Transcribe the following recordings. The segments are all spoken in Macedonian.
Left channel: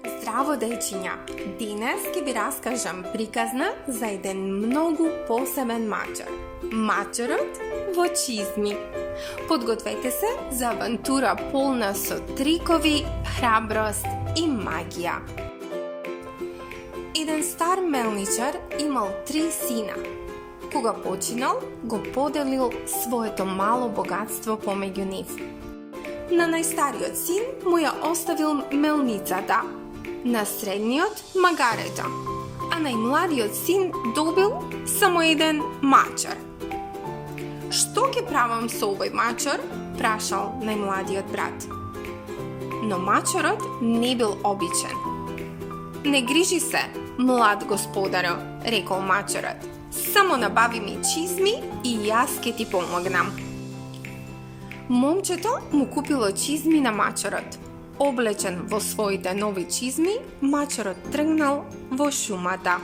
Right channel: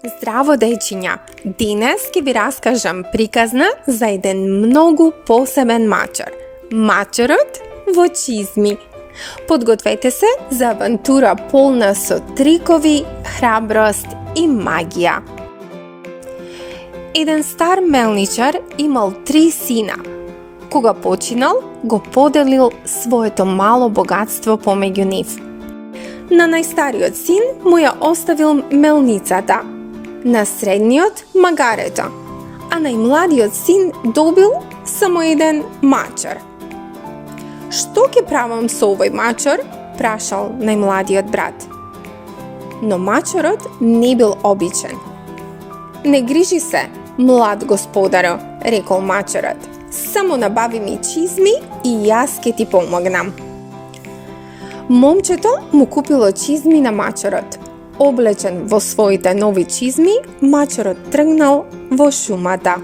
Здраво, дечиња! Денес ќе ви раскажам приказна за еден многу посебен мачар. Мачарот во чизми. Подгответе се за авантура полна со трикови, храброст и магија. Еден стар мелничар имал 3 сина. Кога починал, го поделил своето мало богатство помеѓу нив. На најстариот син му ја оставил мелницата, на средниот магарето, а најмладиот син добил само еден мачар. Што ќе правам со овој мачар? Прашал најмладиот брат. Но мачарот не бил обичен. Не грижи се, млад господаро, рекол мачарот. Само набави ми чизми и јас ќе ти помогнам. Момчето му купило чизми на мачарот. Облечен во своите нови чизми, мачарот тргнал во шумата.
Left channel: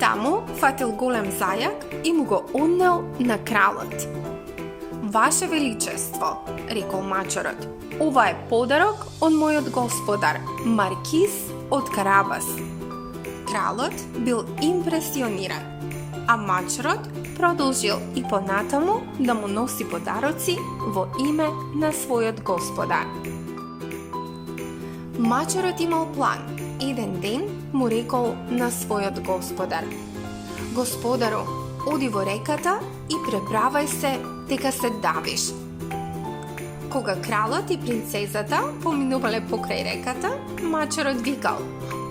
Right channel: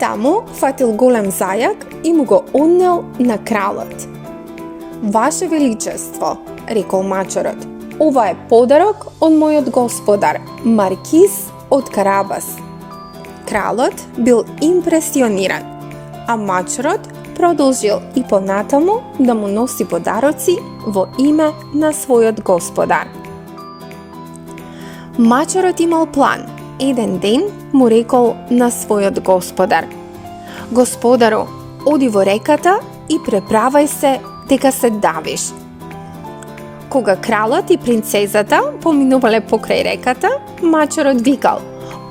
Таму фатил голем зајак и му го однел на кралот. Ваше величество, рекол мачарот, ова е подарок од мојот господар, Маркиз од Карабас. Кралот бил импресиониран, а мачарот продолжил и понатаму да му носи подароци во име на својот господар. Мачарот имал план. Еден ден му рекол на својот господар: Господару, оди во реката и преправај се дека се давиш. Кога кралот и принцезата поминувале покрај реката, мачарот викал:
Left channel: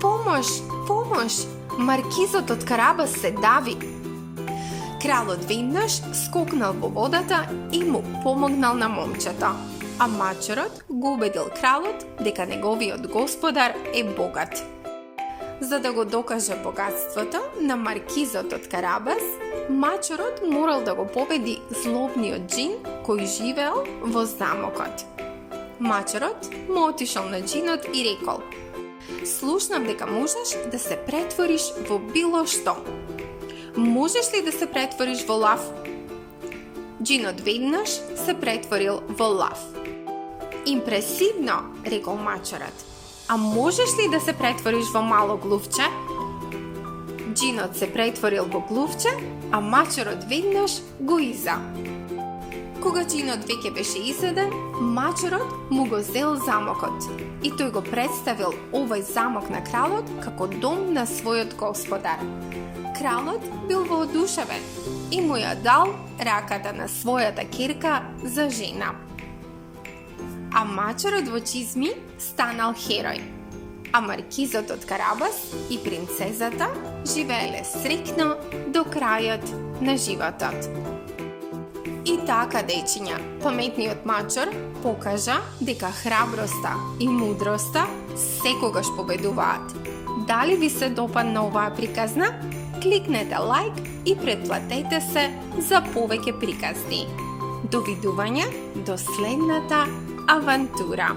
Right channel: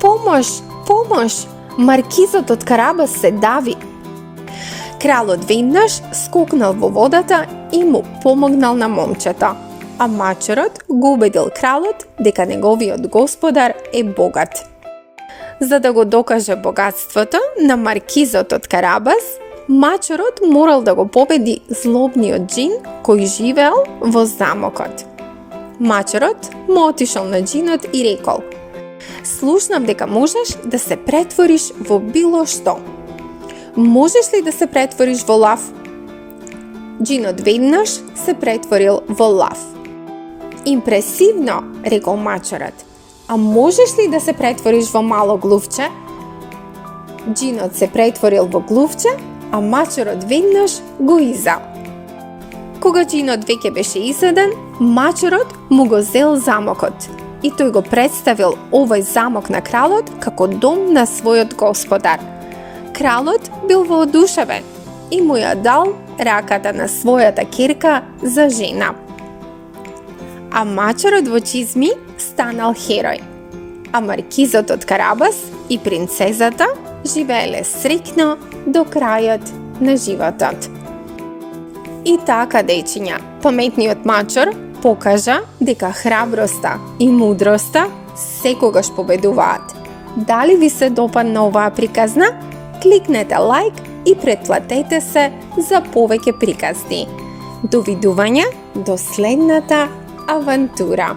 Помош, помош, маркизот од Карабас се дави. Кралот веднаш скокнал во водата и му помогнал на момчето, а мачарот го убедил кралот дека неговиот господар е богат. За да го докаже богатството на маркизот од Карабас, мачарот морал да го победи злобниот џин кој живеел во замокот. Мачарот му отишол на џинот и рекол: Слушнав дека можеш да се претвориш во било што. Можеш ли да се претвориш во лав? Џинот веднаш се претворил во лав. Импресивно, рекол мачарот. А можеш ли да се претвориш во мало глувче? Џинот се претворил во глувче, а мачарот веднаш го иза. Кога џинот веќе беше изеден, мачарот му го зел замокот и тој го представил овој замок на кралот како дом на својот господар. Кралот бил воодушевен и му ја дал раката на својата ќерка за жена. А мачарот во чизми станал херој, а маркизот од Карабас и принцезата живееле среќно до крајот на животот. И така, дечиња, паметниот мачар покажа дека храброста и мудроста секогаш победуваат. Дали ви се допадна оваа приказна? Кликнете лайк и претплатете се за повеќе приказни. Довидување до следната авантура.